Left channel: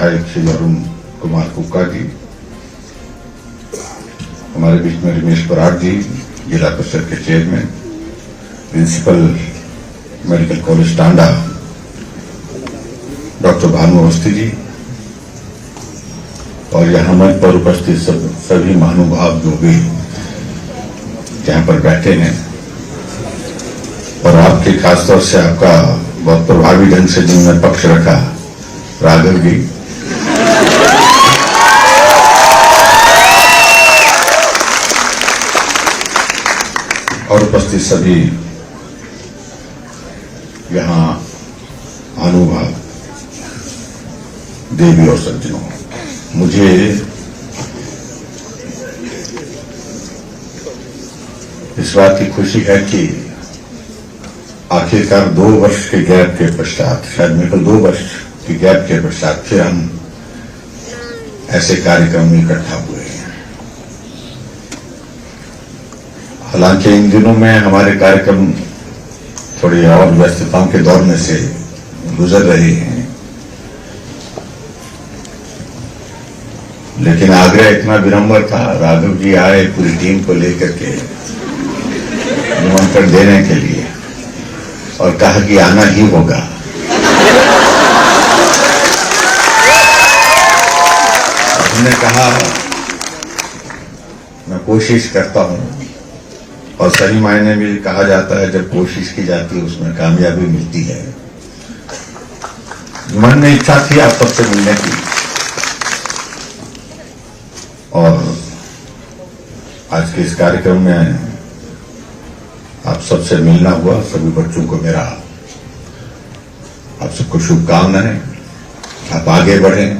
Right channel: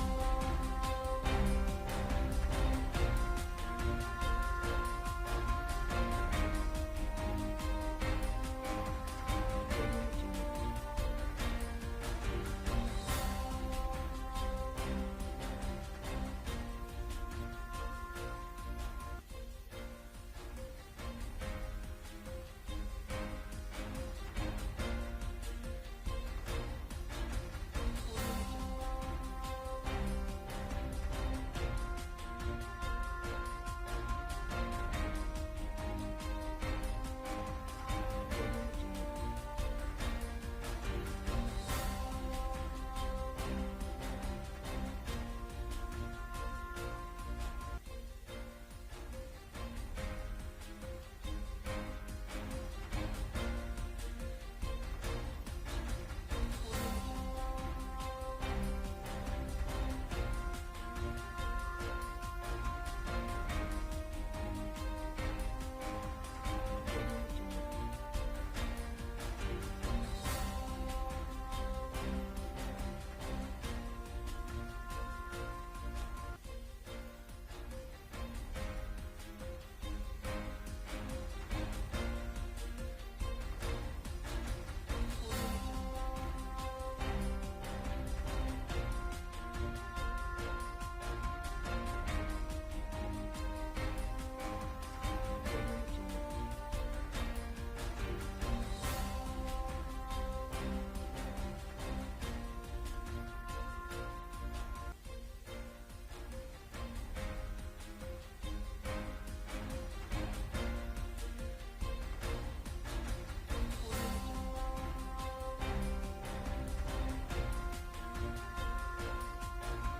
विधायक श्री अरुण कुमार कुक्का जी, हमारे बीच में रमेश बराड़ जी, जिला परिषद के chairman, principal medical college Tanda doctor Bhanu Awasthi ji, और यहाँ मंच पर उपस्थित सभी महानुभाव जो भी यहाँ पर बैठे हैं, और आपके खासतौर से आपका बहुत प्रभावी ढंग से जिनने पक्ष रखा राघव जी, और उपस्थित सभी यहाँ महानुभाव देवी और सज्जनों, मुझे इस बात की खुशी है कि आखिरकार 2 वर्ष के गैप के पश्चात, शायद मेरे को 2 वर्ष के गैप के पश्चात फिर हम ऐसे कार्यक्रम में इकट्ठा हुए हैं। हालांकि इन दिनों में हमारे कार्यक्रम थोड़ी और व्यस्तताओं के दौर में से गुजर रहे हैं, लेकिन आग्रह इतना विनम्र था, राघव जी आए पूरी टीम को लेकर के निमंत्रण देने के लिए और कहा कि आना ही होगा। हमने कहा मैं कोशिश करता हूं, और सही मायने में कहा जाता है जब कोशिश की जाती है उसमें कामयाबी मिलती है। मन में इच्छा थी आप सबसे मिलने की, और आज के इस कार्यक्रम में आप सबसे मिलना हुआ। सभी बच्चों को मेरा आप सबको शुभकामनाएं। आप आगे बढ़ें,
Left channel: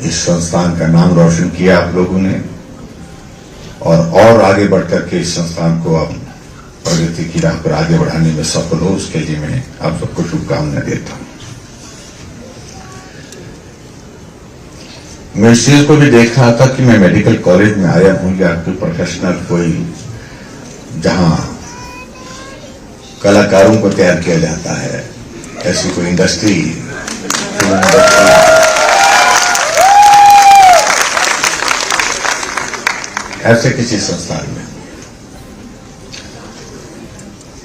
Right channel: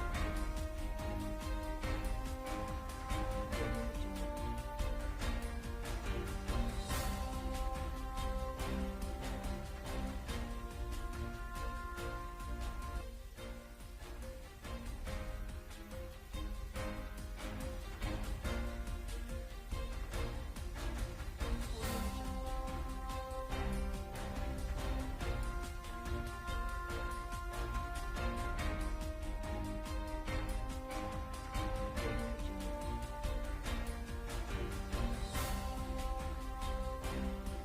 इस संस्थान का नाम रोशन किया आप लोगों ने, और आगे बढ़कर के इस संस्थान को आप प्रगति की राह पर आगे बढ़ाने में सफल हो, उसके लिए मैं आप सबको शुभकामनाएं देता हूं। मैं इस चीज को भी देख रहा था कि मैं मेडिकल कॉलेज में आया हूं या कोई प्रोफेशनल, कोई जहां कलाकारों को तैयार किया जाता है, ऐसी कोई इंडस्ट्री, ऐसे किसी संस्थान में।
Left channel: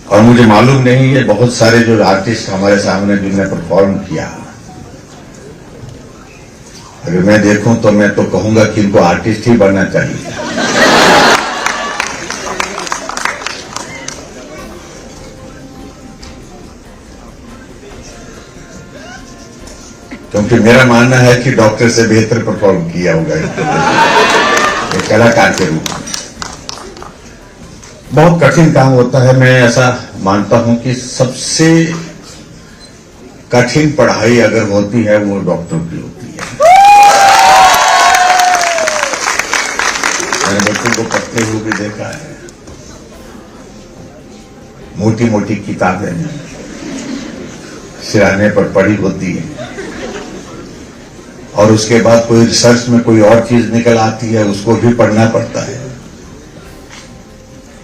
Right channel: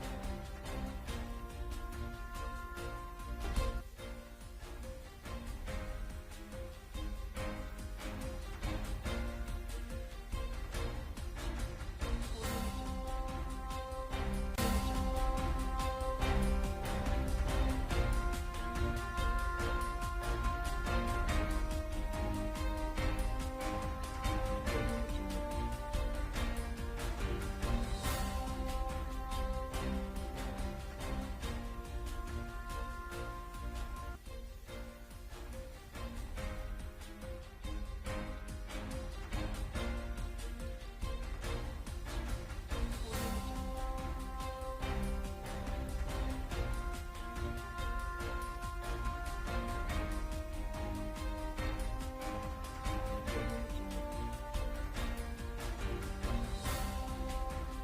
और मुझे मालूम नहीं है बहुत सारे जो आर्टिस्ट हमारे सामने जिन्होंने परफॉर्म किया, अगर मैं देखूं तो मैं तो कहूंगा कि इनको आर्टिस्ट ही बनना चाहिए। क्योंकि मेरा मानना है कि डॉक्टर से बेहतर परफॉर्म किया होगा एक कलाकार के रूप में। बहुत कठिन काम होता है। मैं ऐसा मानता हूं कि सबसे कठिन पढ़ाई अगर होती है वो डॉक्टर की होती है। मैंने बच्चों को पढ़ते हुए भी देखा है, मोटी मोटी किताबें सिराने पर पढ़ी होती है, और उसके बाद कोई रिसर्च में कोई और चीज निकल आती है, उसको भी पढ़ना पड़ता है,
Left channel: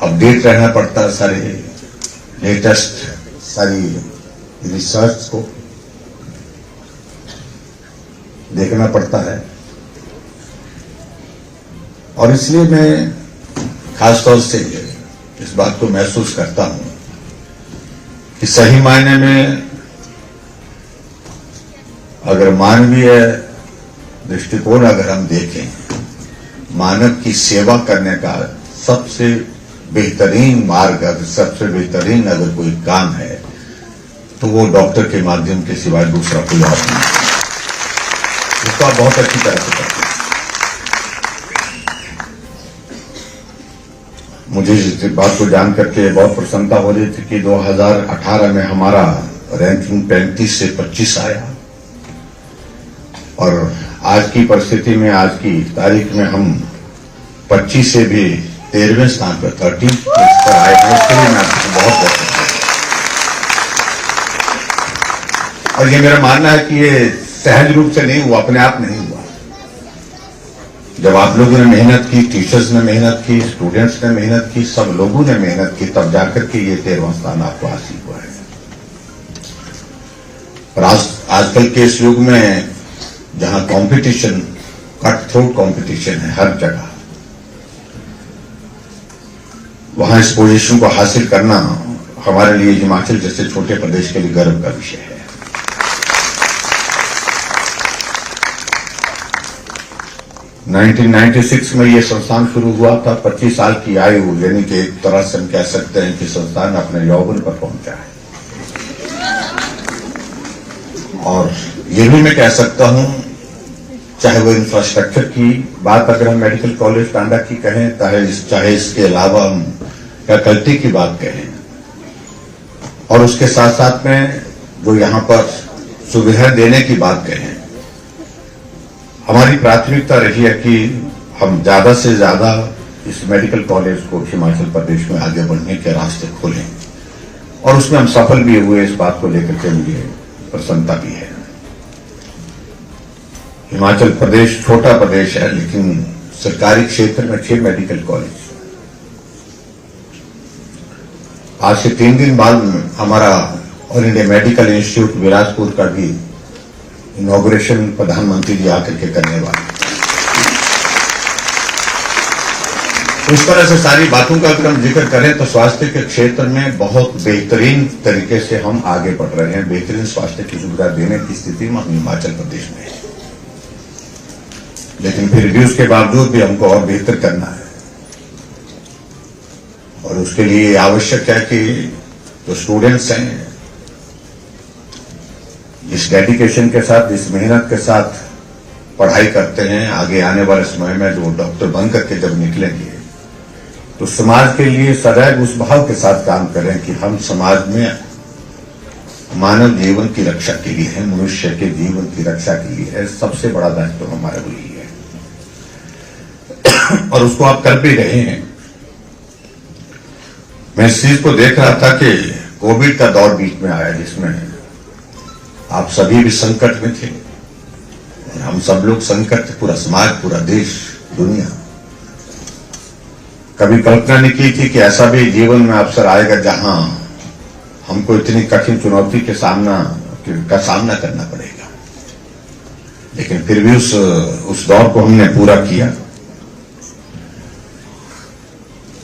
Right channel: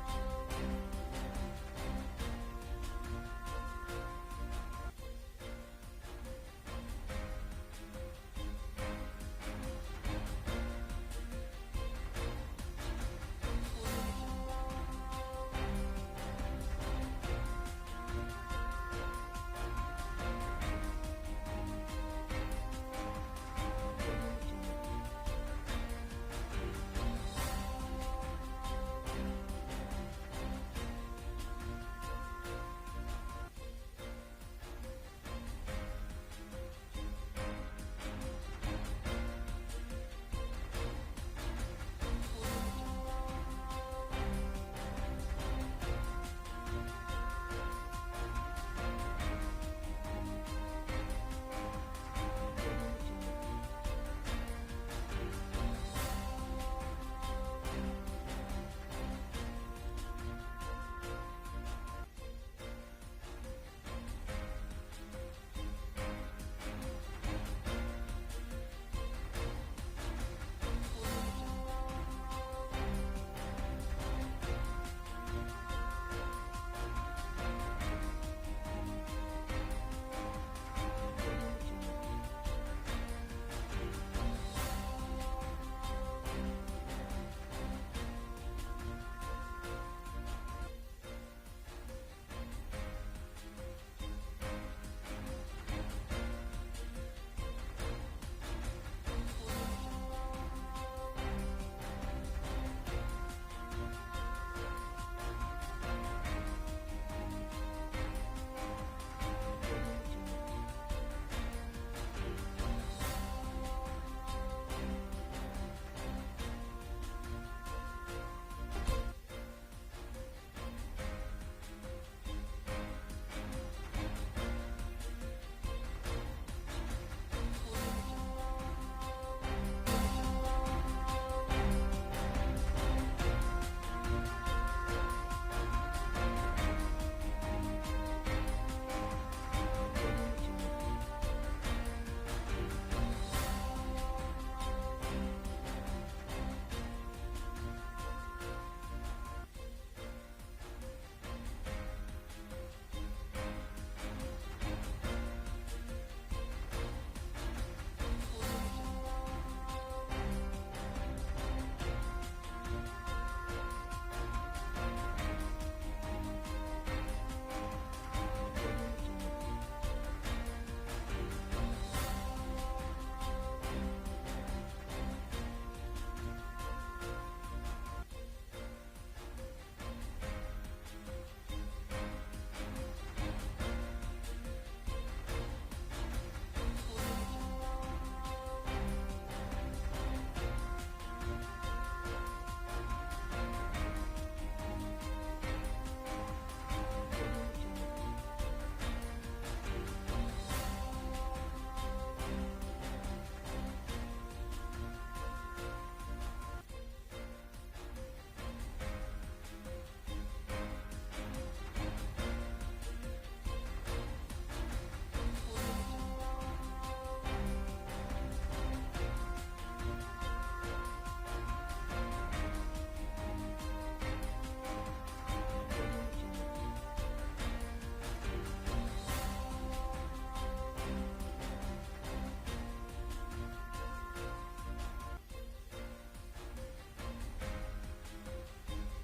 अपडेट रहना पड़ता है, सारे लेटेस्ट सारी रिसर्च को देखना पड़ता है। और इसलिए मैं खासतौर से इस बात को महसूस करता हूं कि सही मायने में अगर मानवीय दृष्टिकोण अगर हम देखें, मानव की सेवा करने का सबसे बेहतरीन मार्ग, अगर सबसे बेहतरीन अगर कोई काम है तो वो डॉक्टर के माध्यम के सिवाय दूसरा कोई और नहीं। उसको आप बहुत अच्छी तरह से करते हैं। मुझे इस बात को जान करके बहुत प्रसन्नता हो रही थी कि 2018 में हमारा रैंकिंग 35 से 25 आया, और आज की परिस्थिति में, आज की तारीख में हम 25 से भी 13वें स्थान पर 13 पर आए हैं। उसके लिए मैं आपको बहुत बहुत और ये मेरा मानना है कि ये सहज रूप से नहीं हुआ, अपने आप नहीं हुआ। जब आप लोगों ने मेहनत की, टीचर्स ने मेहनत की, स्टूडेंट्स ने मेहनत की, सब लोगों ने मेहनत की, तब जाकर के ये 13वां स्थान आपको हासिल हुआ है। और आजकल के इस युग में जहां कंपटीशन, कट थ्रोट कंपटीशन है हर जगह, वहां इस पोजीशन को हासिल करना हमारे लिए हिमाचल जैसे छोटे प्रदेश के लिए गर्व का विषय है। नाइनटीन 96 में यह संस्थान शुरू हुआ था। 25 साल की आयु, यानी कि एक तरह से हम कह सकते हैं कि संस्थान अपने यौवन पर पहुंचा है। और ये भी मैं कह सकता हूं, चाहे वो इंफ्रास्ट्रक्चर की बात अगर हम मेडिकल कॉलेज टांडा की कहें, चाहे इसके अलावा हम फैकल्टी की बात कहें, और उसके साथ साथ में जो यहां पर सुविधा देने की बात कहें, हमारी प्राथमिकता रही है कि हम ज्यादा से ज्यादा इस मेडिकल कॉलेज को हिमाचल प्रदेश में आगे बढ़ने के रास्ते खोलें, और उसमें हम सफल भी हुए। इस बात को लेकर के मुझे प्रसन्नता भी है। हिमाचल प्रदेश छोटा प्रदेश है, लेकिन सरकारी क्षेत्र में 6 मेडिकल कॉलेज। आज से 3 दिन बाद हमारा all India medical institute Bilaspur का भी इनॉग्रेशन प्रधानमंत्री जी आकर के करने वाले। उस तरह से सारी बातों का अगर हम जिक्र करें तो स्वास्थ्य के क्षेत्र में बहुत बेहतरीन तरीके से हम आगे बढ़ रहे हैं। बेहतरीन स्वास्थ्य की सुविधा देने की स्थिति में हम हिमाचल प्रदेश में है, लेकिन फिर भी उसके बावजूद भी हमको और बेहतर करना है। और उसके लिए आवश्यक है कि जो स्टूडेंट्स हैं, इस डेडिकेशन के साथ, इस मेहनत के साथ पढ़ाई करते हैं, आगे आने वाले समय में जो डॉक्टर बन करके जब निकलेंगे तो समाज के लिए सदैव उस भाव के साथ काम करें कि हम समाज में मानव जीवन की रक्षा के लिए है, मनुष्य के जीवन की रक्षा के लिए है। सबसे बड़ा दायित्व तो हमारा वही है और उसको आप कर भी रहे हैं। मैं इस चीज को देख रहा था कि कोविड का दौर बीच में आया, जिसमें आप सभी भी संकट में थे, हम सब लोग संकट थे, पूरा समाज, पूरा देश, दुनिया। कभी कल्पना नहीं की थी कि ऐसा भी जीवन में अवसर आएगा जहां हमको इतनी कठिन चुनौती का सामना करना पड़ेगा। लेकिन फिर भी उस दौर को हमने पूरा किया।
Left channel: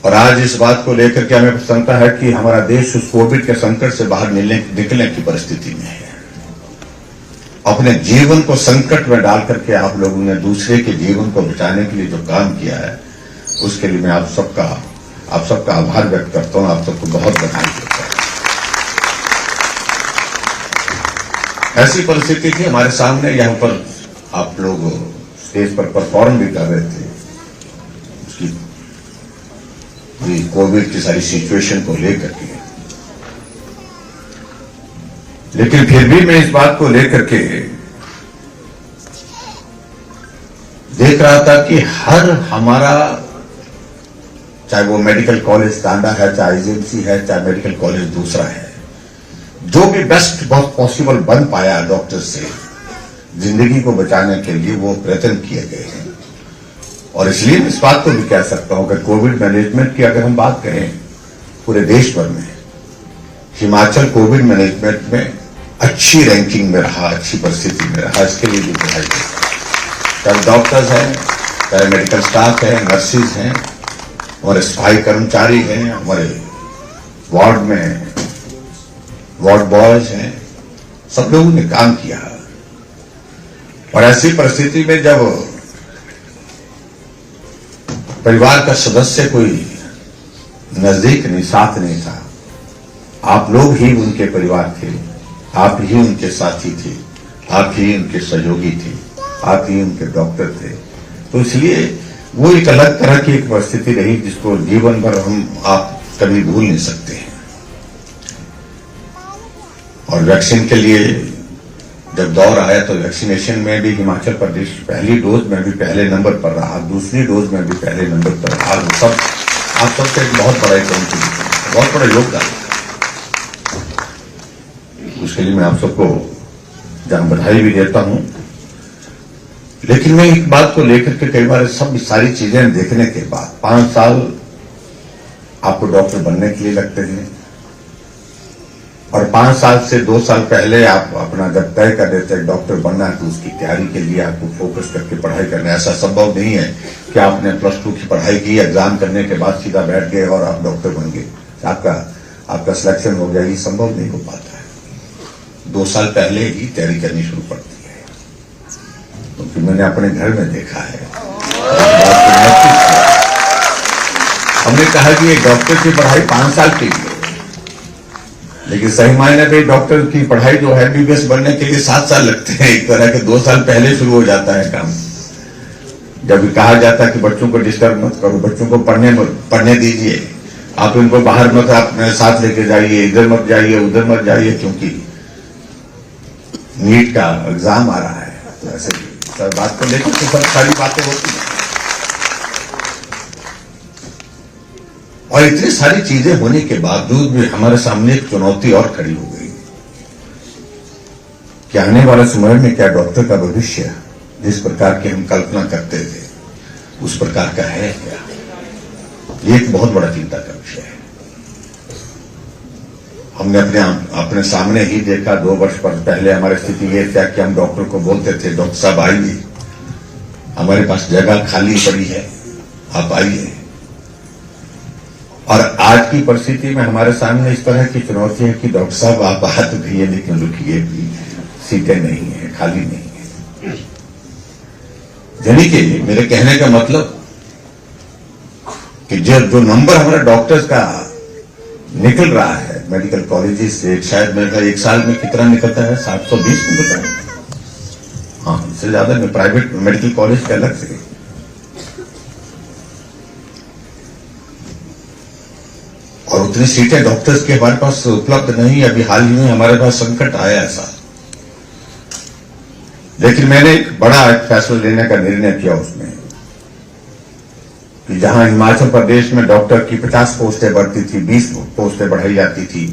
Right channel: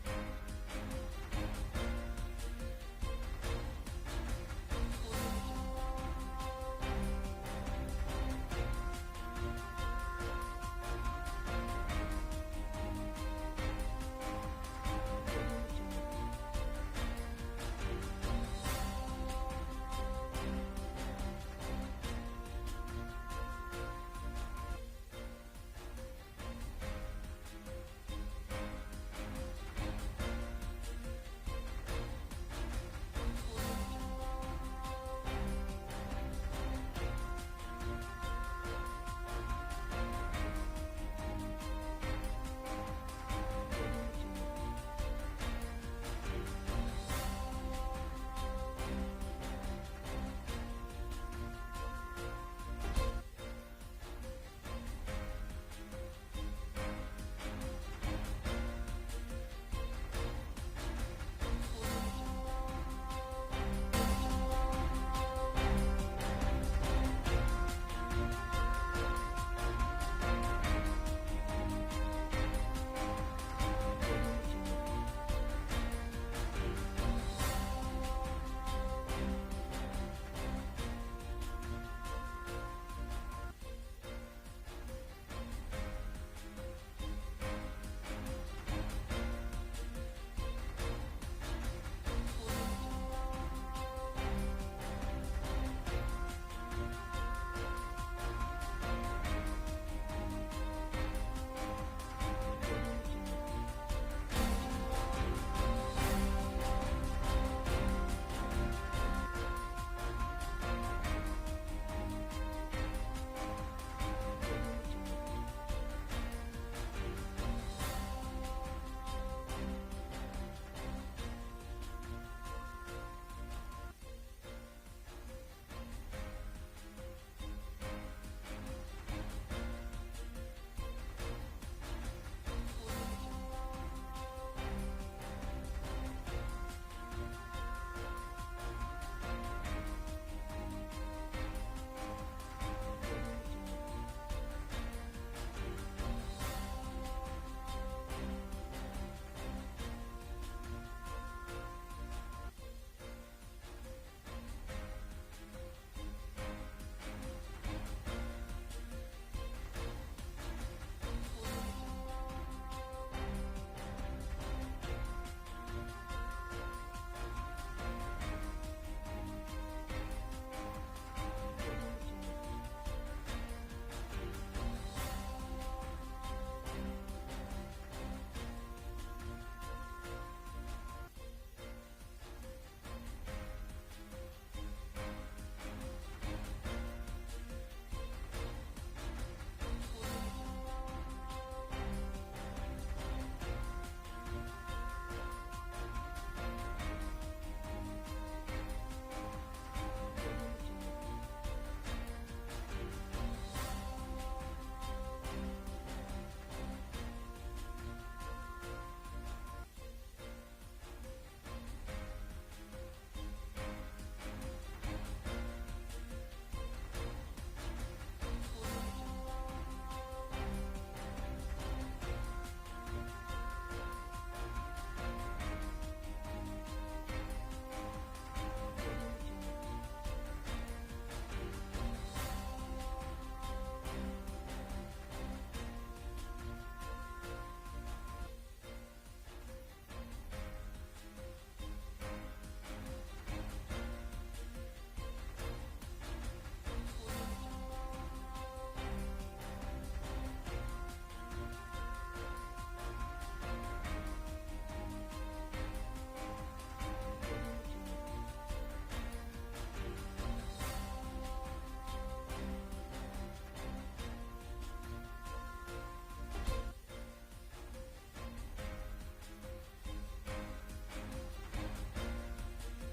और आज इस बात को लेकर के हमें प्रसन्नता है कि हमारा देश उस कोविड के संकट से बाहर निकलने की परिस्थिति में है। अपने जीवन को संकट में डाल करके आप लोगों ने दूसरे के जीवन को बचाने के लिए जो काम किया है, उसके लिए मैं आप सबका आभार व्यक्त करता हूं। आप सबको बहुत बधाई देता हूं। ऐसी परिस्थिति थी हमारे सामने, यहां पर आप लोग स्टेज पर परफॉर्म भी कर रहे थे, उसकी कोविड की सारी सिचुएशन को लेकर के। लेकिन फिर भी मैं इस बात को लेकर के देख रहा था कि हर हमारा, चाहे वो मेडिकल कॉलेज टांडा है, चाहे एजेंसी है, चाहे मेडिकल कॉलेज दूसरा है, जो भी बेस्ट बहुत पॉसिबल बन पाया डॉक्टर से जिंदगी को बचाने के लिए, वो प्रयत्न किए गए हैं। और इसलिए मैं इस बात को भी कह सकता हूं कि कोविड मैनेजमेंट की अगर हम बात करें पूरे देश भर में, हिमाचल कोविड मैनेजमेंट में अच्छी रैंकिंग में रहा, अच्छी परिस्थिति में रहा। इसके लिए भी बधाई देता हूं। चाहे डॉक्टर्स हैं, चाहे मेडिकल स्टाफ है, नर्सिस हैं, हमारे सफाई कर्मचारी हैं, हमारे वार्ड में वार्ड बॉयज हैं, सब लोगों ने काम किया। और ऐसी परिस्थिति में जब परिवार का सदस्य कोई नजदीक नहीं, साथ नहीं था, आप लोग ही उनके परिवार थे, आप ही उनके साथी थे, आप ही उनके सहयोगी थे, आप ही उनके डॉक्टर थे। तो इसलिए वो एक अलग तरह की एक परिस्थिति रही जिसको जीवन भर आप कभी भूल नहीं सकते हैं। और वैक्सीन के लिए जब दौर आया तो वैक्सीनेशन में भी हिमाचल प्रदेश पहली डोज में भी पहले नंबर पर रहा, दूसरी डोज में भी पहले नंबर पर रहा। सब आप सबसे एक बहुत बड़ा कंट्रीब्यूशन, बहुत बड़ा योगदान, उसके लिए मैं आप सबको जहां बधाई भी देता हूं। लेकिन मैं एक बात को लेकर के कई बार सब सारी चीजें देखने के बाद 5 साल आपको डॉक्टर बनने के लिए लगते हैं, और 5 साल से 2 साल पहले आप अपना जब तय कर देते हैं डॉक्टर बनना है तो उसकी तैयारी के लिए आपको फोकस करके पढ़ाई करना है। ऐसा संभव नहीं है कि आपने +2 की पढ़ाई की, एग्जाम करने के बाद सीधा बैठ गए और आप डॉक्टर बन गए, आपका सिलेक्शन हो गया। ये संभव नहीं हो पाता है। 2 साल पहले ही तैयारी करनी शुरू पड़ती है, क्योंकि मैंने अपने घर में देखा है। हमने कहा कि ये डॉक्टर की पढ़ाई 5 साल की है, लेकिन सही मायने में डॉक्टर की पढ़ाई जो है एमबीबीएस बनने के लिए 7 साल लगते हैं। एक तरह के 2 साल पहले शुरू हो जाता है काम। जब कहा जाता है कि बच्चों को डिस्टर्ब मत करो, बच्चों को पढ़ने दीजिए, आप इनको बाहर मत अपने साथ लेके जाइए, इधर मत जाइए, उधर मत जाइए, क्योंकि नीट का एग्जाम आ रहा है। तो ऐसे सब बात को लेकर तो सब सारी बातें होती हैं। और इतनी सारी चीजें होने के बावजूद भी हमारे सामने एक चुनौती और खड़ी हो गई कि आने वाले समय में क्या डॉक्टर का भविष्य जिस प्रकार की हम कल्पना करते थे उस प्रकार का है क्या? ये एक बहुत बड़ा चिंता का विषय है। हमने अपने सामने ही देखा 2 वर्ष पहले हमारी स्थिति ये क्या कि हम डॉक्टर को बोलते थे, डॉक्टर साहब आइए, हमारे पास जगह खाली पड़ी है, आप आइए। और आज की परिस्थिति में हमारे सामने इस तरह की चुनौती है कि डॉक्टर साहब आप आ तो भी, लेकिन रुकिए भी, सीटें नहीं है, खाली नहीं है। यानी कि मेरे कहने का मतलब कि जो नंबर हमारे डॉक्टर्स का निकल रहा है मेडिकल कॉलेजेस से, शायद मेरे ख्याल 1 साल में कितना निकलता है, 720 निकलता है। हाँ, इससे ज्यादा में प्राइवेट मेडिकल कॉलेज के अलग से। और उतनी सीटें डॉक्टर्स के हमारे पास उपलब्ध नहीं। अभी हाल ही में हमारे पास संकट आया ऐसा, लेकिन मैंने एक बड़ा फैसला लेने का निर्णय किया उसमें कि जहां हिमाचल प्रदेश में डॉक्टर की 50 पोस्टें बढ़ती थी, 20 पोस्टें बढ़ाई जाती थी,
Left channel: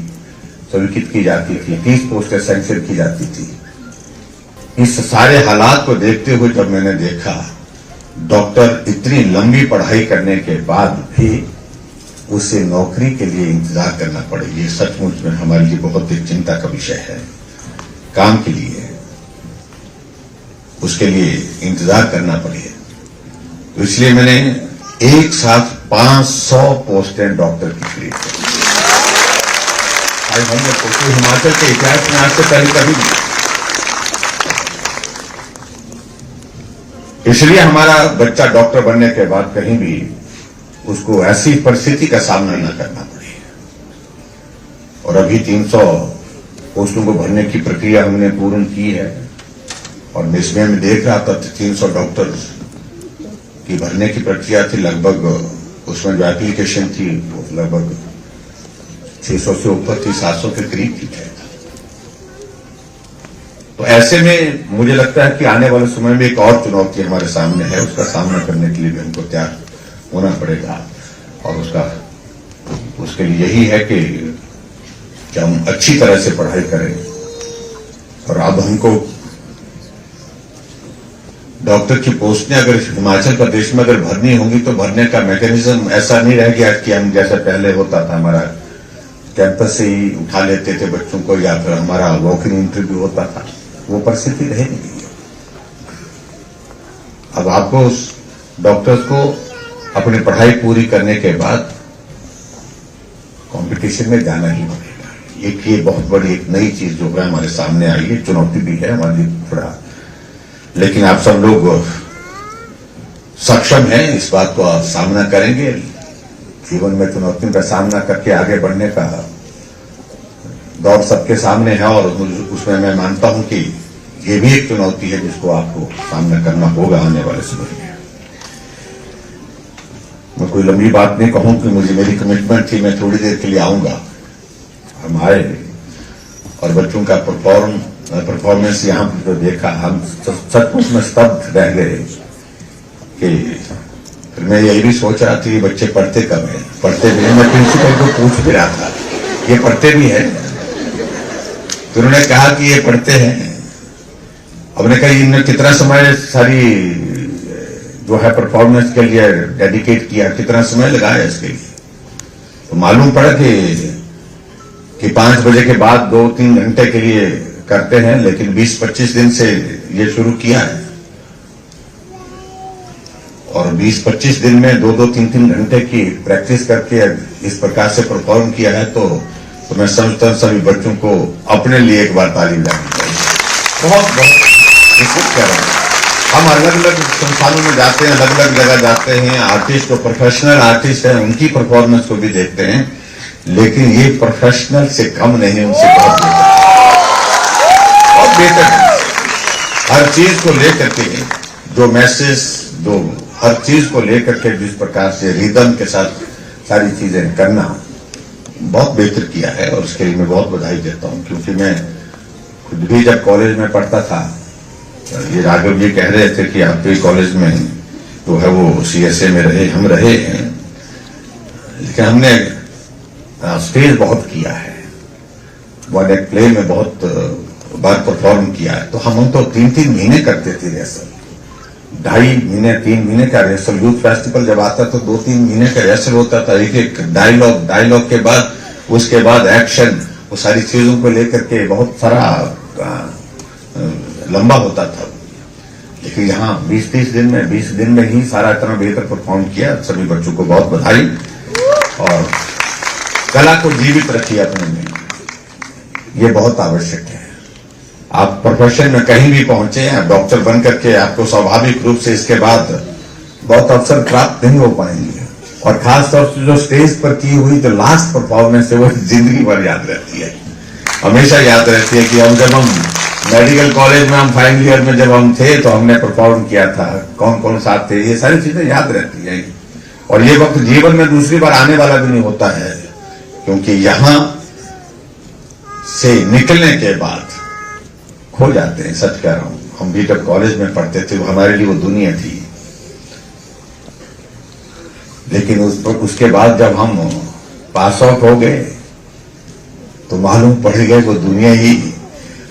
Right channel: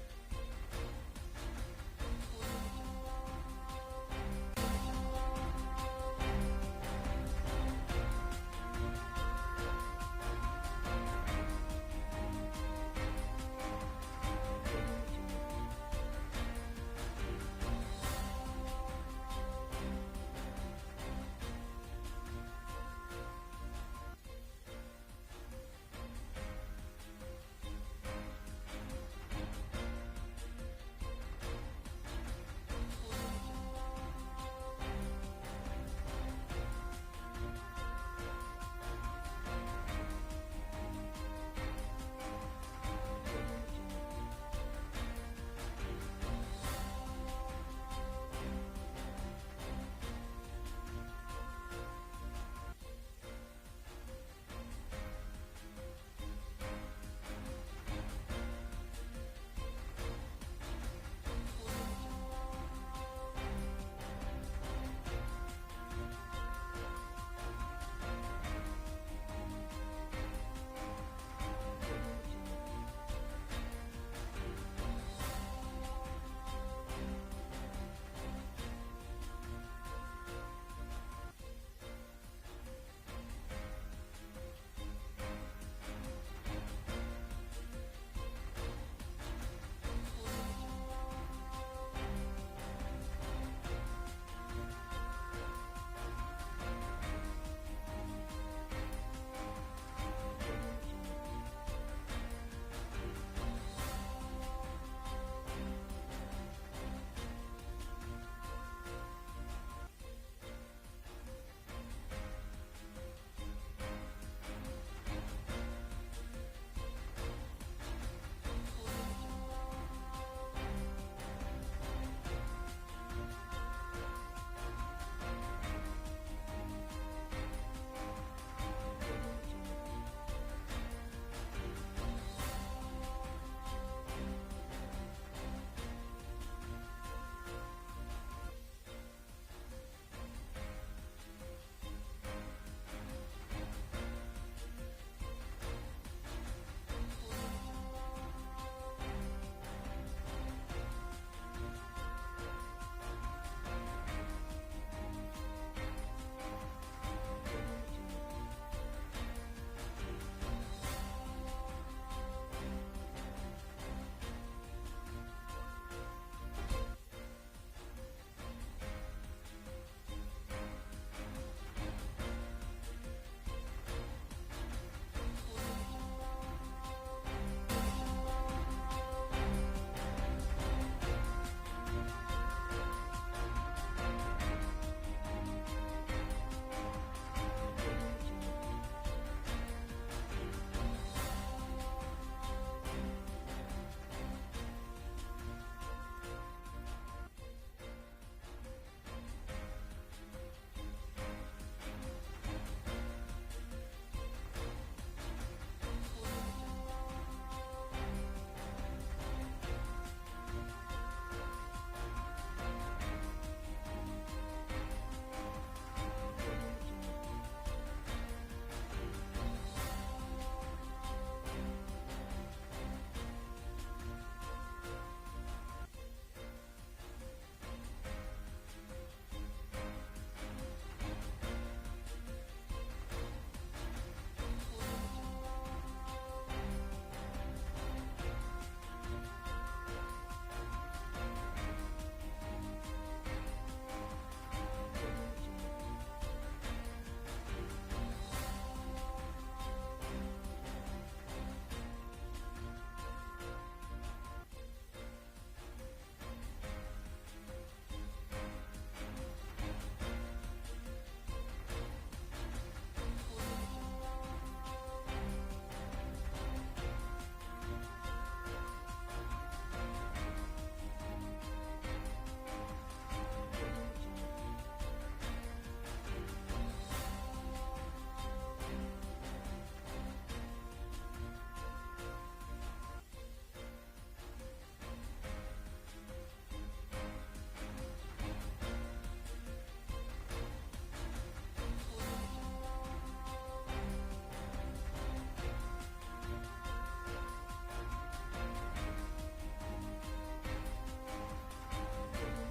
स्वीकृत की जाती थी, 30 पोस्टें सैंक्शन की जाती थी। इस सारे हालात को देखते हुए जब मैंने देखा डॉक्टर इतनी लंबी पढ़ाई करने के बाद भी उसे नौकरी के लिए इंतजार करना पड़े, ये सचमुच में हमारे लिए बहुत ही चिंता का विषय है। काम के लिए उसके लिए इंतजार करना पड़े, तो इसलिए मैंने एक साथ 500 पोस्टें डॉक्टर की क्रिएट की। आज हमने पोस्टें हिमाचल के इतिहास में आज से पहले कभी नहीं। इसलिए हमारा बच्चा डॉक्टर बनने के बाद कहीं भी उसको ऐसी परिस्थिति का सामना न करना पड़े। और अभी 300 पोस्टों को भरने की प्रक्रिया हमने पूर्ण की है, और इसमें मैं देख रहा था 300 डॉक्टर की भरने की प्रक्रिया थी। लगभग उसमें जो एप्लीकेशन थी वो लगभग 600 से ऊपर थी, 700 के करीब थी। तो ऐसे में मुझे लगता है कि आने वाले समय में एक और चुनौती हमारे सामने है, उसका सामना करने के लिए भी हमको तैयार होना पड़ेगा। और उसके लिए यही है कि हम अच्छी तरह से पढ़ाई करें। और अब हमको डॉक्टर की पोस्टें अगर हिमाचल प्रदेश में अगर भरनी होंगी तो भरने का मैकेनिज्म ऐसा नहीं रह गया कि हम जैसे पहले होता था, हमारा कैंपस से ही उठा लेते थे बच्चों को, या फिर हमारा वॉक इन इंटरव्यू होता था। वो परिस्थिति रह नहीं। अब आपको डॉक्टर्स को अपनी पढ़ाई पूरी करने के बाद कंपटीशन में जाना ही पड़ेगा। एक ये बहुत बड़ी एक नई चीज जो है हमारे सामने आई है, चुनौती भी है हमारी थोड़ा, लेकिन आप सब लोग सक्षम हैं, इस बात को आप सामना करेंगे। जीवन में चुनौतियों का सामना करके आगे बढ़ने का दौर सबके सामने है, और उसमें मैं मानता हूं कि ये भी एक चुनौती है जिसको आपको सामना करना होगा आने वाले समय में। मैं कोई लंबी बात नहीं कहूं कि मेरी कमिटमेंट थी मैं थोड़ी देर के लिए आऊंगा। हम आए और बच्चों का परफॉर्मेंस यहां पर जो देखा, हम सचमुच में स्तब्ध रह गए कि फिर मैं यही भी सोच रहा था बच्चे पढ़ते कब है, पढ़ते भी हैं। मैं प्रिंसिपल को पूछ भी रहा था ये पढ़ते भी है? तो उन्होंने कहा कि ये पढ़ते हैं। हमने कहा इन्होंने कितना समय सारी जो है परफॉर्मेंस के लिए डेडिकेट किया, कितना समय लगाया इसके लिए? तो मालूम पड़ा कि कि 5 बजे के बाद 2-3 घंटे के लिए करते हैं, लेकिन 20-25 दिन से ये शुरू किया है और 20-25 दिन में 2-2, 3-3 घंटे की प्रैक्टिस करके इस प्रकार से परफॉर्म किया है तो मैं समझता हूं सभी बच्चों को अपने लिए एक बार ताली बजानी चाहिए। बहुत बहुत कह रहा हूं। हम अलग अलग संस्थानों में जाते हैं, अलग अलग जगह जाते हैं, आर्टिस्ट जो प्रोफेशनल आर्टिस्ट हैं उनकी परफॉर्मेंस को भी देखते हैं, लेकिन ये प्रोफेशनल से कम नहीं, उनसे बहुत बेहतर है। हर चीज को लेकर के जो मैसेज, जो हर चीज को लेकर के जिस प्रकार से रिदम के साथ सारी चीजें करना बहुत बेहतर किया है और उसके लिए मैं बहुत बधाई देता हूं। क्योंकि मैं खुद भी जब कॉलेज में पढ़ता था, ये राघव जी कह रहे थे कि आपके कॉलेज में जो है वो सीएसए में रहे, हम रहे हैं, लेकिन हमने स्टेज बहुत किया है, वन एक्ट प्ले में बहुत बार परफॉर्म किया है। तो हम तो 3-3 महीने करते थे रिहर्सल, 2.5 महीने 3 महीने का रिहर्सल। यूथ फेस्टिवल जब आता तो 2-3 महीने का रिहर्सल होता था, एक डायलॉग के बाद उसके बाद एक्शन, वो सारी चीजों को लेकर के बहुत सारा लंबा होता था। लेकिन यहाँ 20-30 दिन में 20 दिन में ही सारा इतना बेहतर परफॉर्म किया। सभी बच्चों को बहुत बधाई और कला को जीवित रखिए अपने में, ये बहुत आवश्यक है। आप प्रोफेशन में कहीं भी पहुंचे, आप डॉक्टर बन करके आपको स्वाभाविक रूप से इसके बाद बहुत अवसर प्राप्त नहीं हो पाएंगे और खासतौर से जो स्टेज पर की हुई जो लास्ट परफॉर्मेंस है वो जिंदगी भर याद रहती है, हमेशा याद रहती है कि जब हम मेडिकल कॉलेज में हम फाइनल ईयर में जब हम थे तो हमने परफॉर्म किया था, कौन कौन साथ थे, ये सारी चीजें याद रहती है। और ये वक्त जीवन में दूसरी बार आने वाला भी नहीं होता है, क्योंकि यहां से निकलने के बाद खो जाते हैं। सच कह रहा हूं, हम भी जब कॉलेज में पढ़ते थे हमारे लिए वो दुनिया थी, लेकिन उसके बाद जब हम पास आउट हो गए तो मालूम पड़ गए वो दुनिया ही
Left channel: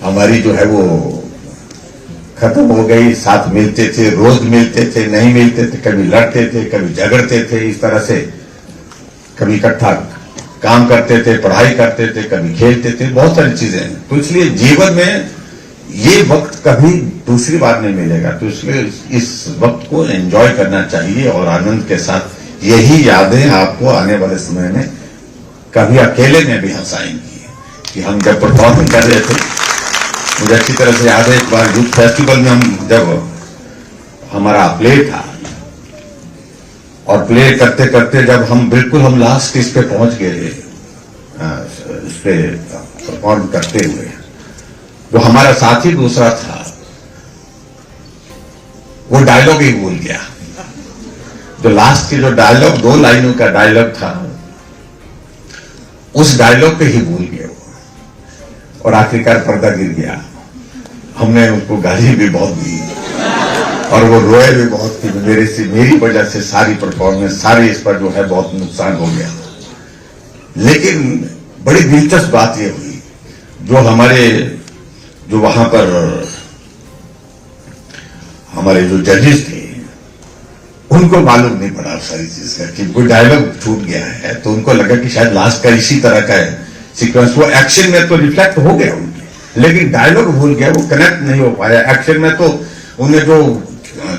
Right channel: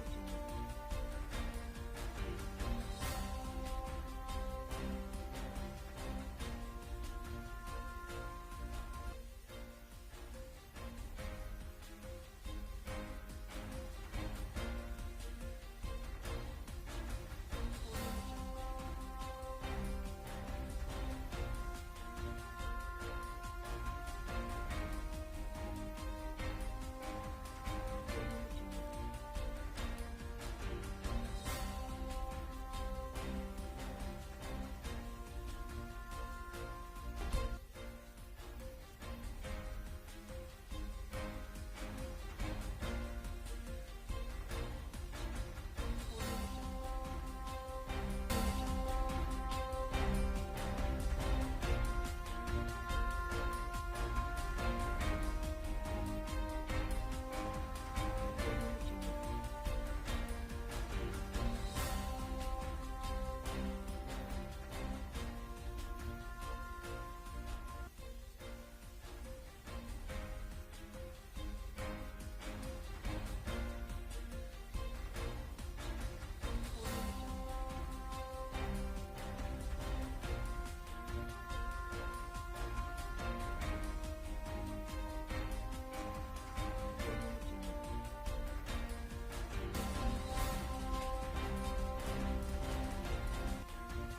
हमारी जो है वो खत्म हो गई। साथ मिलते थे, रोज मिलते थे, नहीं मिलते थे, कभी लड़ते थे, कभी झगड़ते थे, इस तरह से कभी इकट्ठा काम करते थे, पढ़ाई करते थे, कभी खेलते थे, बहुत सारी चीजें। तो इसलिए जीवन में ये वक्त कभी दूसरी बार नहीं मिलेगा, तो इसलिए इस वक्त को एंजॉय करना चाहिए और आनंद के साथ यही यादें आपको आने वाले समय में कभी अकेले में भी हंसाएंगी। कि हम जब परफॉर्मिंग कर रहे थे, मुझे अच्छी तरह से याद है, एक बार यूथ फेस्टिवल में हम जब हमारा प्ले था और प्ले करते करते जब हम बिल्कुल हम लास्ट स्टेज पे पहुंच गए इस पे परफॉर्म करते हुए, जो हमारा साथी दूसरा था वो डायलॉग ही भूल गया। जो लास्ट की जो डायलॉग 2 लाइनों का डायलॉग था उस डायलॉग पे ही भूल गए वो, और आखिरकार पर्दा गिर गया। हमने उनको गाली भी बहुत दी और वो रोए भी बहुत कि मेरी वजह से सारी परफॉर्मेंस, सारी इस पर जो है बहुत नुकसान हो गया। लेकिन बड़ी दिलचस्प बात ये हुई, जो वहां पर हमारे जो जजेस थे उनको मालूम नहीं पड़ा सारी चीज का कि कोई डायलॉग छूट गया है, तो उनको लगा कि शायद लास्ट का इसी तरह का है सीक्वेंस। वो एक्शन में तो रिफ्लेक्ट हो गया उनके, लेकिन डायलॉग भूल गया, वो कनेक्ट नहीं हो पाया। एक्शन में तो उन्हें जो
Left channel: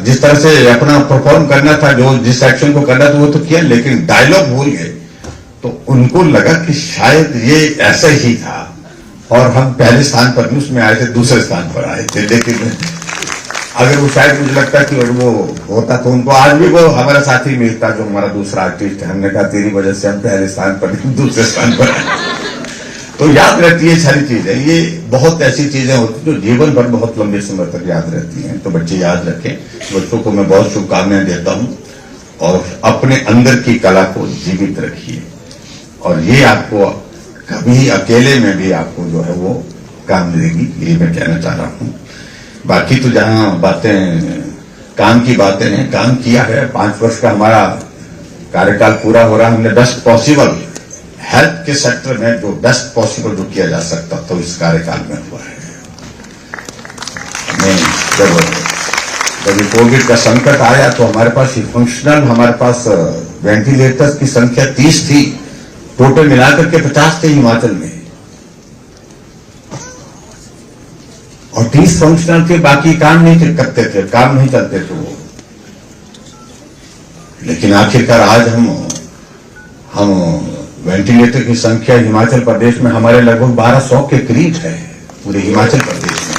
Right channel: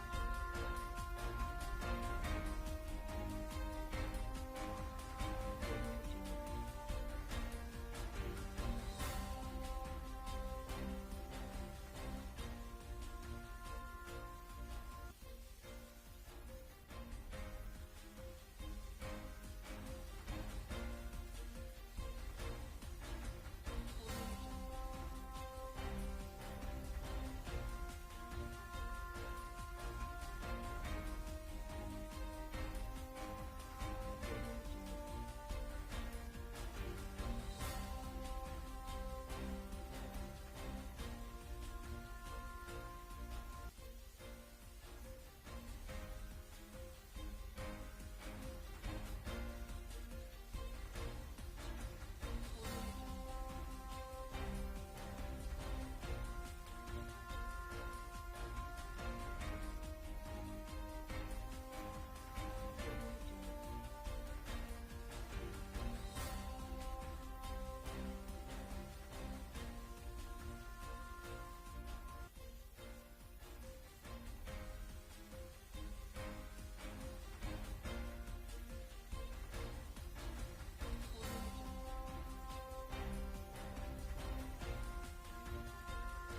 जिस तरह से अपना परफॉर्म करना था, जो जिस एक्शन को करना था वो तो किया, लेकिन डायलॉग भूल गए। तो उनको लगा कि शायद ये ऐसा ही था और हम पहले स्थान पर न्यूज में आए थे, दूसरे स्थान पर आए थे। लेकिन अगर वो शायद मुझे लगता कि वो होता तो उनको आज भी वो हमारा साथी मिलता जो हमारा दूसरा आर्टिस्ट है। हमने कहा तेरी वजह से हम पहले स्थान पर दूसरे स्थान पर आए। तो याद रहती है सारी चीजें, ये बहुत ऐसी चीजें होती जो जीवन भर बहुत लंबे समय तक याद रहती हैं। तो बच्चे याद रखें, बच्चों को मैं बहुत शुभकामनाएं देता हूं और अपने अंदर की कला को जीवित रखिए और ये आपको कभी अकेले में भी आपको जो है वो काम देगी, ये मैं कहना चाह रहा हूं। बाकी तो जहां बातें काम की बातें हैं, काम किया है। 5 वर्ष का हमारा कार्यकाल पूरा हो रहा, हमने बेस्ट पॉसिबल हेल्थ के सेक्टर में जो बेस्ट पॉसिबल जो किया जा सकता तो इस कार्यकाल में हुआ है। जब कोविड का संकट आया तो हमारे पास फंक्शनल हमारे पास वेंटिलेटर्स की संख्या 30 थी, टोटल मिलाकर के 50 थे हिमाचल में। और 30 फंक्शनल थे, बाकी काम नहीं करते थे, काम नहीं चलते थे वो। लेकिन आखिरकार आज हम वेंटिलेटर की संख्या हिमाचल प्रदेश में हमारे लगभग 1200 के करीब है, पूरे हिमाचल प्रदेश में।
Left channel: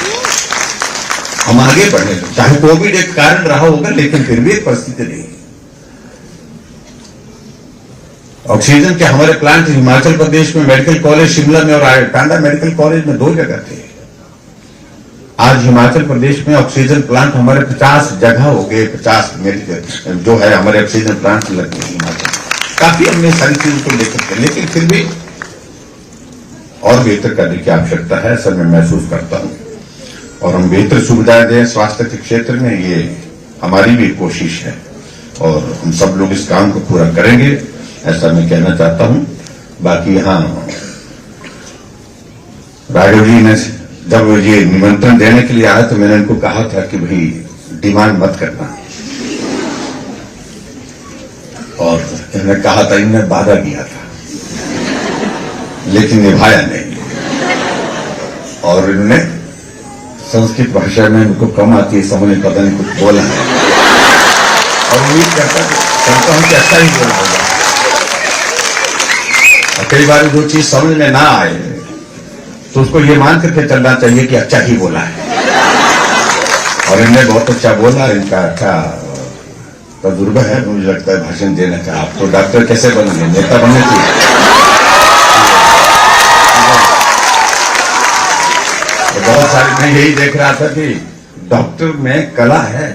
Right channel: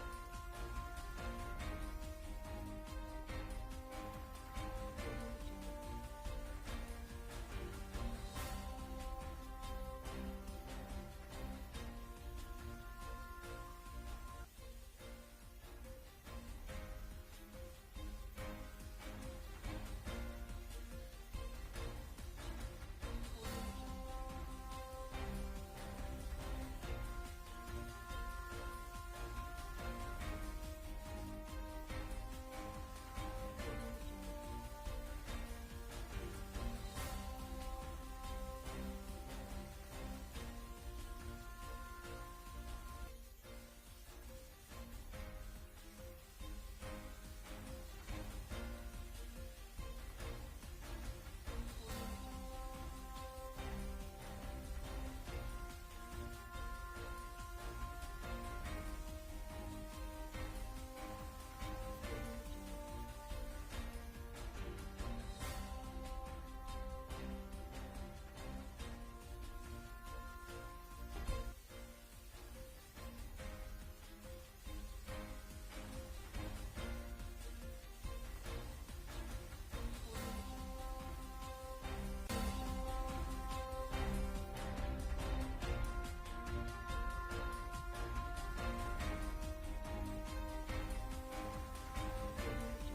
हम आगे बढ़े, चाहे कोविड एक कारण रहा होगा, लेकिन फिर भी एक परिस्थिति नहीं। ऑक्सीजन के हमारे प्लांट हिमाचल प्रदेश में मेडिकल कॉलेज शिमला में और टांडा मेडिकल कॉलेज में 2 जगह थे। आज हिमाचल प्रदेश में ऑक्सीजन प्लांट हमारे 50 जगह हो गए, 50 मेडिकल जो है हमारे ऑक्सीजन प्लांट लगे हिमाचल। काफी हमने सारी चीजों को लेकर के, लेकिन फिर भी और बेहतर करने की आवश्यकता है, ऐसा मैं महसूस करता हूं। और हम बेहतर सुविधाएं दें स्वास्थ्य के क्षेत्र में, ये हमारी भी कोशिश है और हम सब लोग इस काम को पूरा करेंगे, ऐसा मैं कहना चाहता हूं। बाकी यहां राघव जी ने जब ये निमंत्रण देने के लिए आया तो मैंने इनको कहा था कि भाई डिमांड मत करना, और इन्होंने कहा था, इन्होंने वादा किया था लेकिन निभाया नहीं। और इन्होंने संस्कृत भाषा में उनको कम आती है समझ, पता नहीं कुछ बोला है, और उम्मीद करता हूं कि अच्छा ही बोला होगा। और कई बार जो चीज समझ में ना आए तो उसको ये मान करके चलना चाहिए कि अच्छा ही बोला है। और इन्हें बहुत अच्छा बोला, इनका अच्छा तजुर्बा है मुझे लगता है भाषण देने का। आप तो डॉक्टर कैसे बनेंगे, नेता बनने चाहिए। तो बहुत सारे मैं यही देख रहा था कि डॉक्टर में कला है,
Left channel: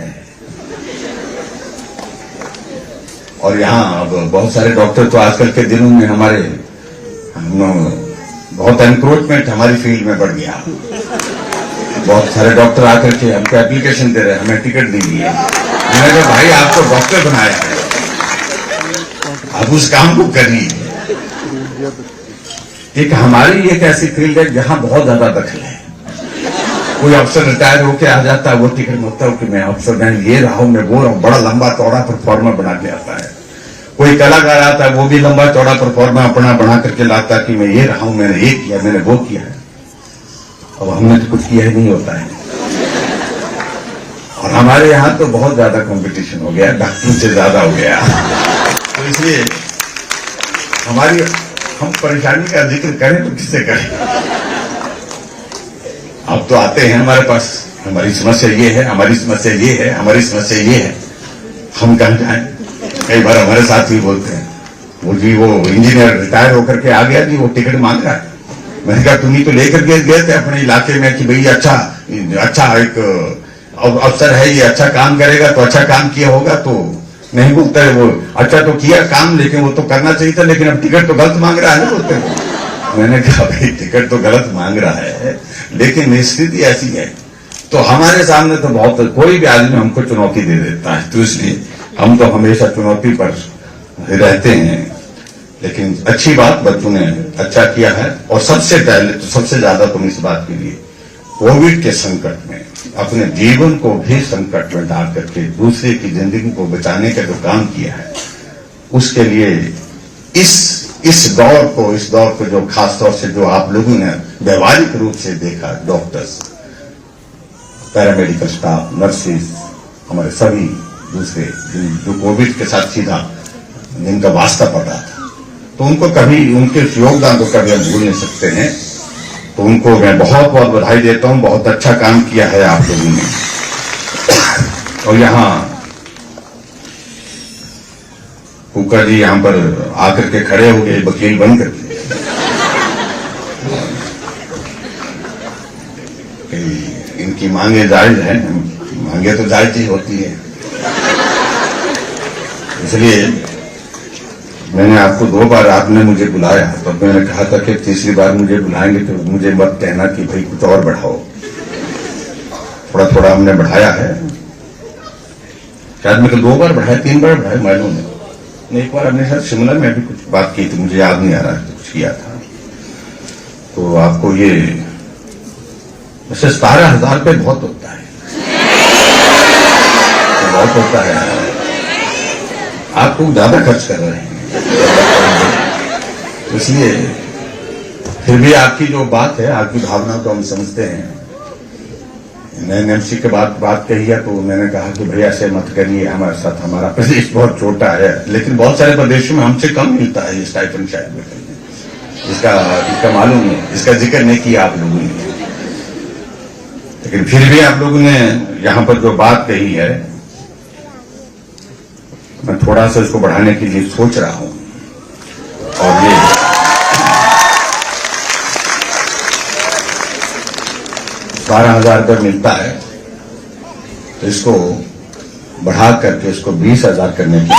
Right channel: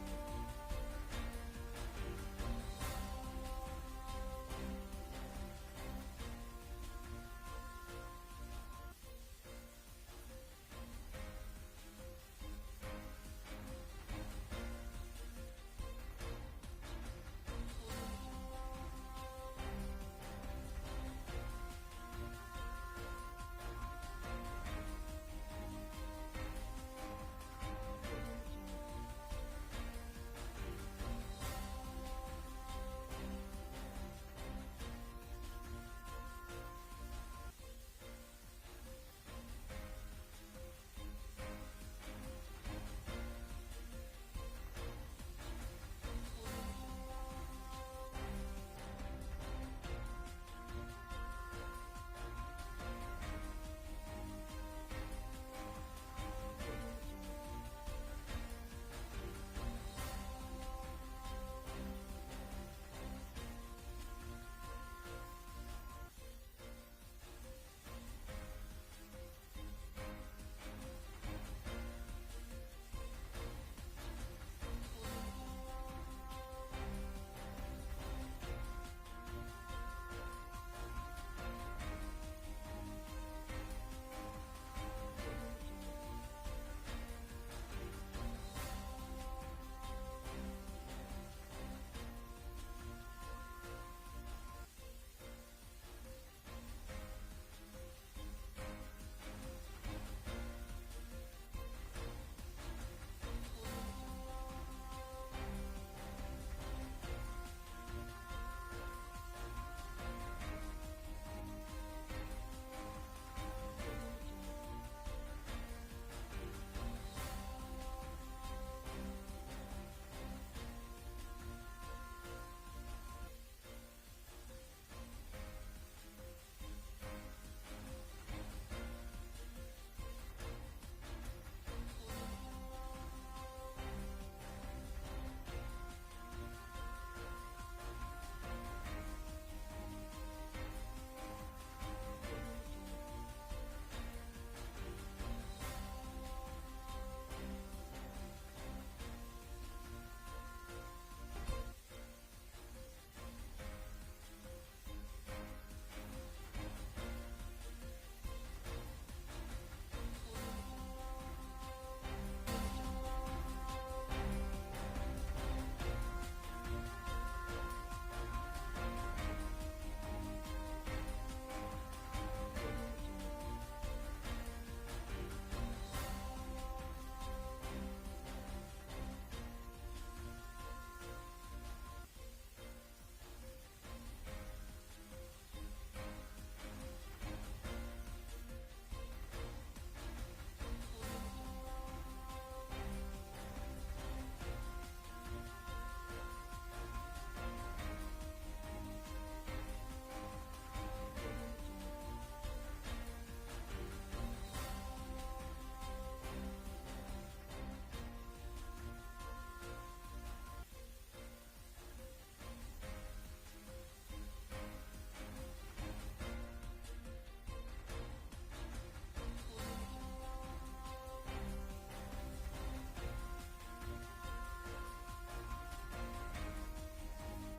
और यहाँ अब बहुत सारे डॉक्टर तो आजकल के दिनों में हमारे बहुत एनक्रोचमेंट हमारी फील्ड में बढ़ गया। बहुत सारे डॉक्टर आकर के हमको एप्लीकेशन दे रहे हैं, हमें टिकट दीजिए। मैंने कहा भाई आपको डॉक्टर बनाया है, आप उस काम को करिए। एक हमारी एक ऐसी फील्ड है जहां बहुत ज्यादा दखल है। कोई अफसर रिटायर होके आ जाता है, वो टिकट मांगता है कि मैं अफसर मैं ये रहा हूं, मैं वो रहा हूं, बड़ा लंबा चौड़ा परफॉर्मा बना के आता है। कोई कलाकार आता है, वो भी लंबा चौड़ा परफॉर्मा अपना बना करके लाता है कि मैं ये रहा हूं, मैंने ये किया, मैंने वो किया है। अब हमने तो कुछ किया ही नहीं होता है। और हमारे यहां तो बहुत ज्यादा कंपटीशन हो गया, डॉक्टरों से ज्यादा हो गया। तो इसलिए हम परेशानी का जिक्र करें तो किससे करें। अब तो आते हैं हमारे पास, हमारी समस्या ये है, हमारी समस्या ये है, हमारी समस्या ये है, हम कहां जाएं। कई बार हमारे साथ भी बोलते हैं, वो इंजीनियर रिटायर होकर के आ गया जी, वो टिकट मांग रहा है। मैंने कहा तुम ही तो लेकर गए थे अपने इलाके में कि भाई अच्छा एक अफसर है, ये अच्छा काम करेगा, तो अच्छा काम किया होगा। तो नहीं बोलता है वो, अच्छा तो किया काम, लेकिन वो तो करना चाहिए था, लेकिन अब टिकट तो गलत मांग रहा है बोलते हैं। मैंने कहा भाई टिकट तो गलत मांग रहा है, लेकिन स्थिति ऐसी है। तो हमारे सामने तो बहुत कोई भी आदमी हमको चुनौती दे देता है, तो इसलिए हम तो हमेशा चुनौती पर रहते हैं। लेकिन अच्छी बात बच्चों ने अच्छा किया है। और सबसे पहले तो सबसे ज्यादा तुम इस बात के लिए कोविड के संकट में अपने जीवन को भी संकट में डाल करके दूसरे की जिंदगी को बचाने का जो काम किया है, उसके लिए इस दौर को जो खास तौर से जो आप लोगों ने व्यवहारिक रूप से देखा, डॉक्टर्स, पैरामेडिकल स्टाफ, नर्सेज, हमारे सभी दूसरे जो कोविड के साथ सीधा जिनका वास्ता पड़ रहा था, तो उनको कभी उनके योगदान को कभी हम भूल नहीं सकते हैं। तो उनको मैं बहुत बहुत बधाई देता हूं, बहुत अच्छा काम किया है आप लोगों ने। और यहां कुकर जी यहां पर आकर के खड़े हो गए वकील बन करके, इनकी मांगे जायज है, मांगे तो जायज ही होती है। इसलिए मैंने आपको 2 बार आपने मुझे बुलाया, तो मैंने कहा था कि तीसरी बार मुझे बुलाएंगे तो मुझे मत कहना कि भाई कुछ और बढ़ाओ। थोड़ा थोड़ा हमने बढ़ाया है, शायद मैं तो 2 बार बढ़ाया, 3 बार बढ़ाया मालूम नहीं। एक बार हमने शायद शिमला में भी कुछ बात की थी, मुझे याद नहीं आ रहा कुछ किया था। तो आपको ये वैसे 17,000 रुपये बहुत होता है, बहुत होता है। आपको ज्यादा खर्च कर रहे हैं, इसलिए फिर भी आपकी जो बात है, आपकी भावना को हम समझते हैं। नए एमसी के बाद बात कही है तो मैंने कहा कि भैया ऐसे मत करिए, हमारे साथ हमारा प्रदेश बहुत छोटा है, लेकिन बहुत सारे प्रदेशों में हमसे कम मिलता है ये स्टाइपेंड शायद में इसका मालूम है, इसका जिक्र नहीं किया आप लोगों ने, लेकिन फिर भी आप लोगों ने यहां पर जो बात कही है मैं थोड़ा सा इसको बढ़ाने के लिए सोच रहा हूं। और ये 12,000 रुपये मिलता है तो इसको बढ़ा करके इसको 20,000 करने के लिए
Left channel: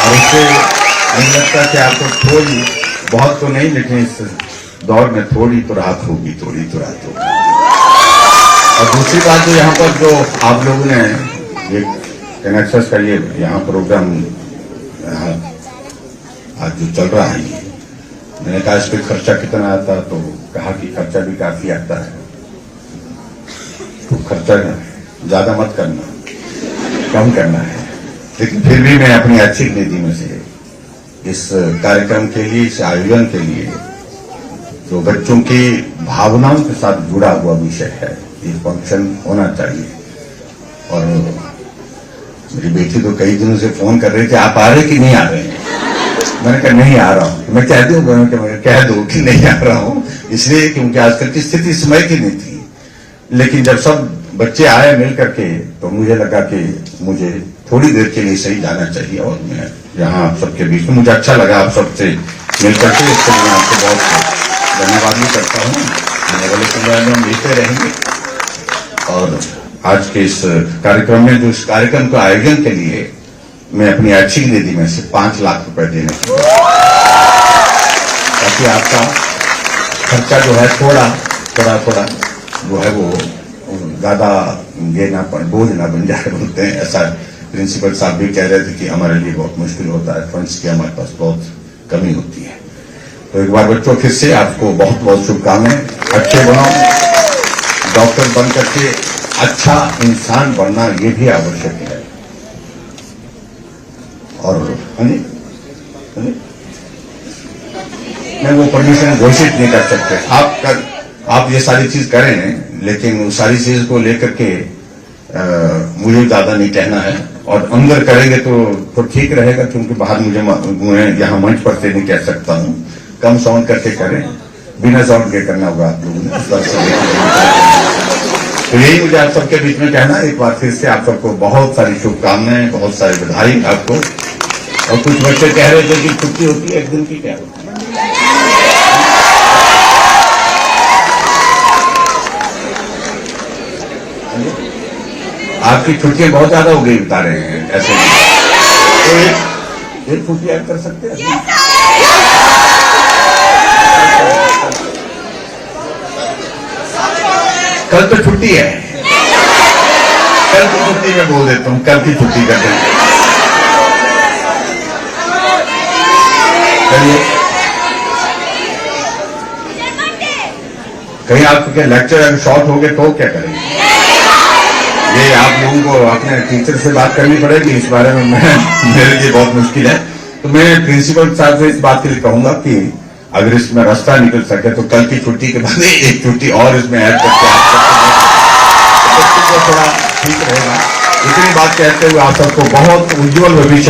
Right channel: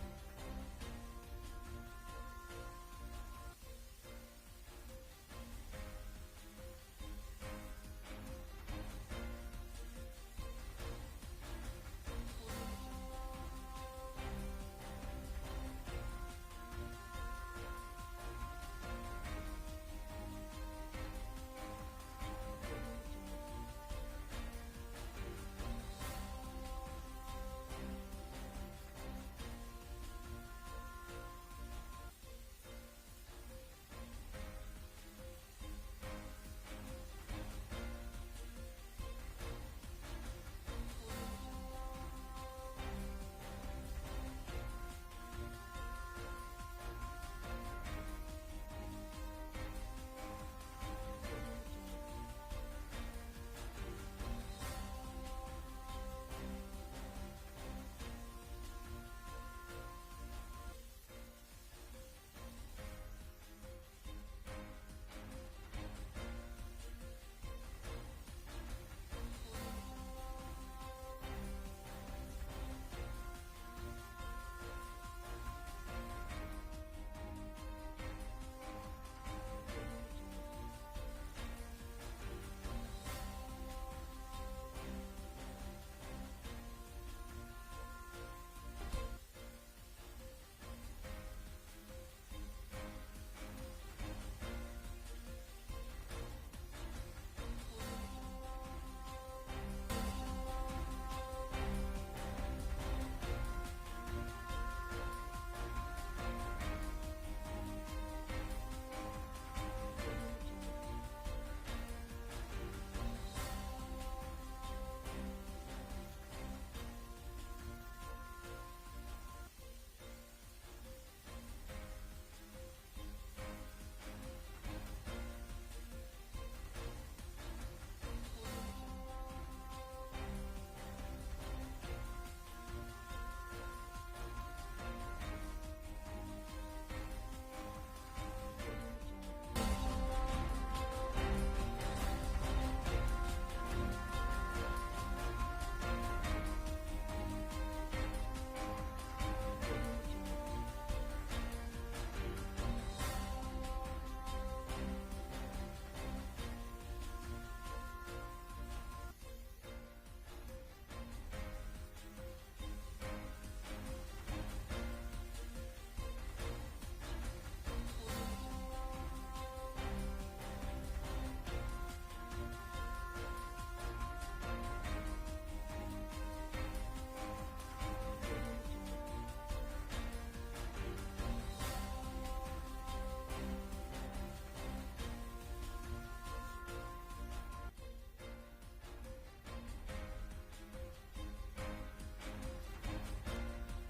और इससे मुझे लगता है कि आपको थोड़ी बहुत तो नहीं, लेकिन इस दौर में थोड़ी तो राहत होगी, थोड़ी तो राहत होगी। और दूसरी बात जो यहाँ पर जो आप लोगों ने ये कनेक्शंस का ये यहाँ प्रोग्राम आज जो चल रहा है, मैंने कहा इस पर खर्चा कितना आता, तो कहा कि खर्चा भी काफी आता है, तो खर्चा ज्यादा मत करना, कम करना है। लेकिन फिर भी मैं अपनी अच्छी निधि में से इस कार्यक्रम के लिए, इस आयोजन के लिए, जो बच्चों की भावनाओं के साथ जुड़ा हुआ विषय है, ये फंक्शन होना चाहिए। और मेरी बेटी तो कई दिनों से फोन कर रही थी, आप आ रहे कि नहीं आ रहे हैं? मैंने कहा नहीं आ रहा हूं। मैं कह दूं, कह दो कि नहीं आ रहा हूं, इसलिए क्योंकि आजकल की स्थिति समय की नहीं थी। लेकिन जब सब बच्चे आए मिल करके तो मुझे लगा कि मुझे थोड़ी देर के लिए सही जाना चाहिए, और मैं यहाँ आप सबके बीच में मुझे अच्छा लगा आप सबसे मिल करके, इसके लिए मैं आपको बहुत धन्यवाद भी करता हूँ। आने वाले समय में हम मिलते रहेंगे। और आज के इस कार्यक्रम में, जो इस कार्यक्रम के आयोजन के लिए मैं अपनी अच्छी निधि में से 5 लाख रुपए देने की, ताकि आपका खर्चा जो है थोड़ा जो है वो ज्यादा ये ना बोझ ना बन जाए, बोलते हैं ऐसा। प्रिंसिपल साहब भी कह रहे थे कि हमारे लिए बहुत मुश्किल होता है, फंड्स की हमारे पास बहुत कमी होती है। तो एक बार बच्चों फिर से आपको बहुत बहुत शुभकामनाएं, अच्छे बनो, डॉक्टर बन करके अच्छा इंसान बनना ये भी आवश्यक है। और मैं वो परमिशन घोषित नहीं कर सकते, आप ये सारी चीज करें, लेकिन उस सारी चीज को लेकर के मुझे ज्यादा नहीं कहना है। और अंदर करेंगे तो ठीक रहेगा, क्योंकि बाहर मुझे यहाँ मंच पर से नहीं कह सकता हूँ। कम साउंड करके करें, बिना साउंड के करना होगा आप लोगों ने। तो यही मुझे आप सबके बीच में कहना। एक बार फिर से आप सबको बहुत सारी शुभकामनाएं, बहुत सारी बधाई आपको। और कुछ बच्चे कह रहे थे कि छुट्टी होती है 1 दिन की, क्या होती है? आपकी छुट्टियां बहुत ज्यादा हो गई बता रहे हैं ऐसे, तो एक छुट्टी ऐड कर सकते हैं। कल तो छुट्टी है, कल की छुट्टी मैं बोल देता हूँ, कल की छुट्टी कर देंगे। कहीं आपके लेक्चर अगर शॉर्ट हो गए तो क्या करेंगे? ये आप लोगों को अपने टीचर से बात करनी पड़ेगी इस बारे में। मेरे लिए बहुत मुश्किल है। तो मैं प्रिंसिपल साहब से इस बात के लिए कहूंगा कि अगर इसमें रास्ता निकल सके तो कल की छुट्टी के बाद एक छुट्टी और इसमें ऐड करके आप सबको थोड़ा ठीक रहेगा। इतनी बात कहते हुए आप सबको बहुत उज्जवल भविष्य